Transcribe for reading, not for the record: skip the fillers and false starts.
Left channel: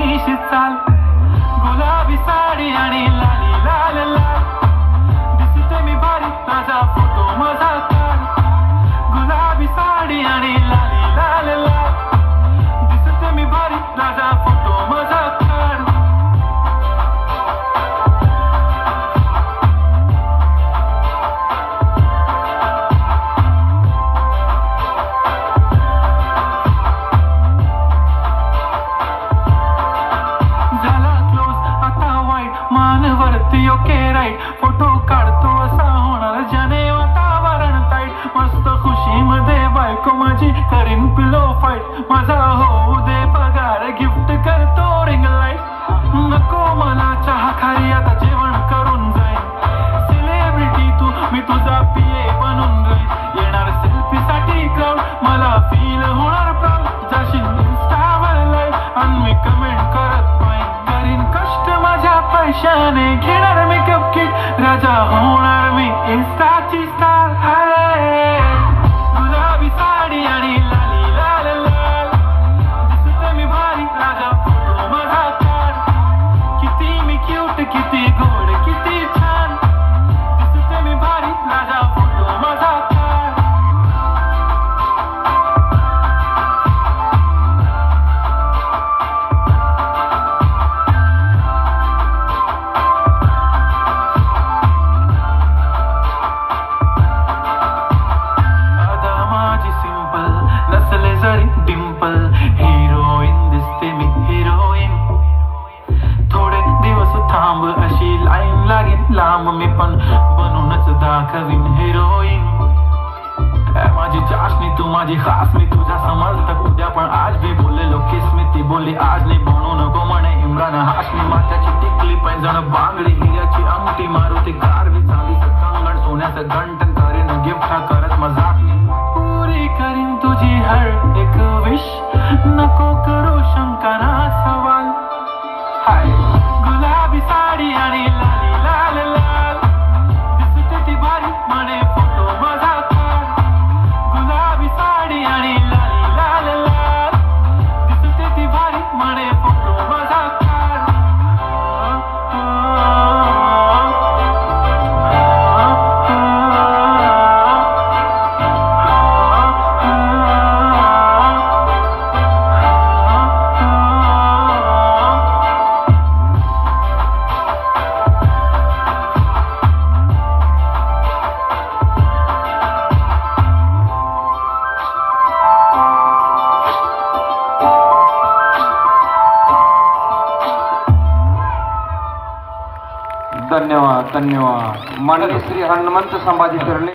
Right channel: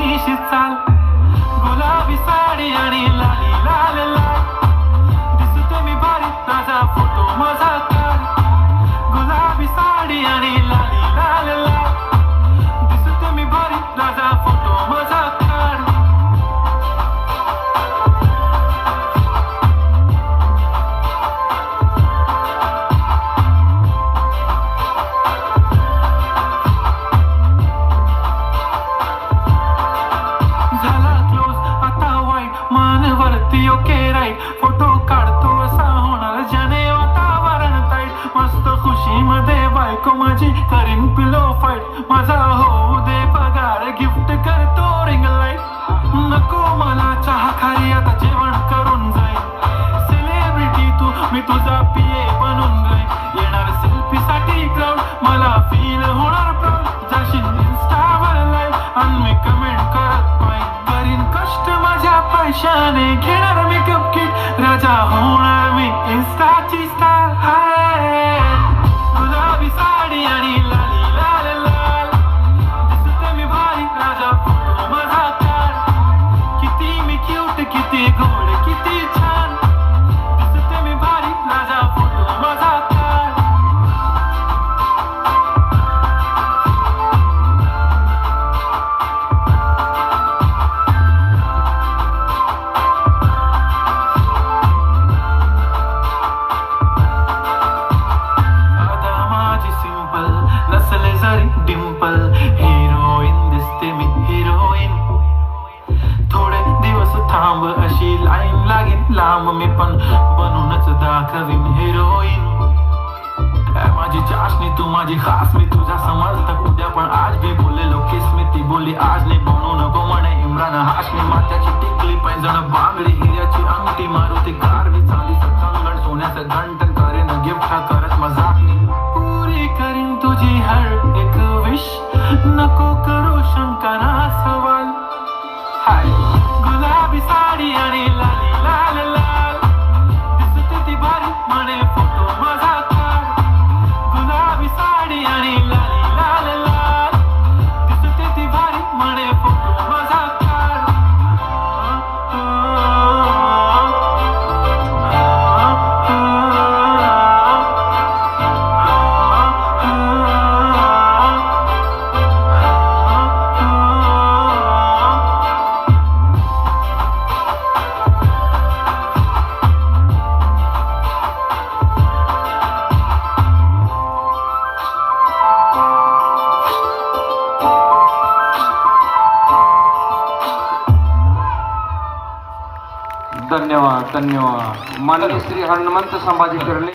मिशी चाल गुलाबी साडी आणि लाली लाल लाल दिसते मी भारी माझा फोटो माझा काढ गुलाबी साडी आणि लाली लाल लाल दिसते मी भारी माझा फोटो माझा काढ झाला क्लोज आता वाईट मानवरती ओके राईट फोटो काढतो असा होणार ज्याने वातावरण टाईट मस्त खुशीमध्ये बायको माझी करीन पिलो फाईट माझा होऊ दे पगार गिफ्ट करतो रिंग लाईट नको मला चहा खारी आता जेवण करून जाईन सेलिब्रिटी तू मी तुझा पिये बनून राहीन येणार सेल्फी साठी क्राऊड मला फील होणार प्राऊड जाशील इंस्टावर लाईव्ह आणि मी कमेंट करत नाही करीन कष्ट माझ्या पैशाने घेणार मेकअप किट राजा होणार मी इंस्टाची स्टार हाय गुलाबी साडी आणि लाली लाल लाल दिसते मी भारी राजा फोटो माझा काढ किती मी क्यूट किती गोड किती छान दिसते मी भारी राजा फोटो माझा काढ आता माझी सिंपल नसले जरी डिंपल हिरोईन दिसते मी हिरोईन थोडे दिवस थांब अशी लाईन लागेल लांब मी पण बनूनच दाखवीन हिरोईन माझी चाशनी तू माझी खास मी तुझ्या समजता उद्या पण आज भी बोललेलो किस मी ती बोलली आज नाही बनू नको म्हणे इम्रान हाशमी मात्याची टिकली पैंजण बांगडी हिऱ्याची अंगठी मारुती कारवी चांदीचं कंगण सोन्याचं घंटन करेन गिफ्ट करत मजाकनी पुरी करीन तुझी हर एक विश नको करू शंका ना सवाल हाय गुलाबी साडी आणि लाली लाल लाल दिसते ती भारी म्हणे फोटो माझा काढ गुलाबी साडी आणि लाली लाल लाल दिसते ती भारी म्हणे फोटो माझा काढ धन्यवाद धन्यवाद माननीय श्री हनुमंत संभाजी कर्णे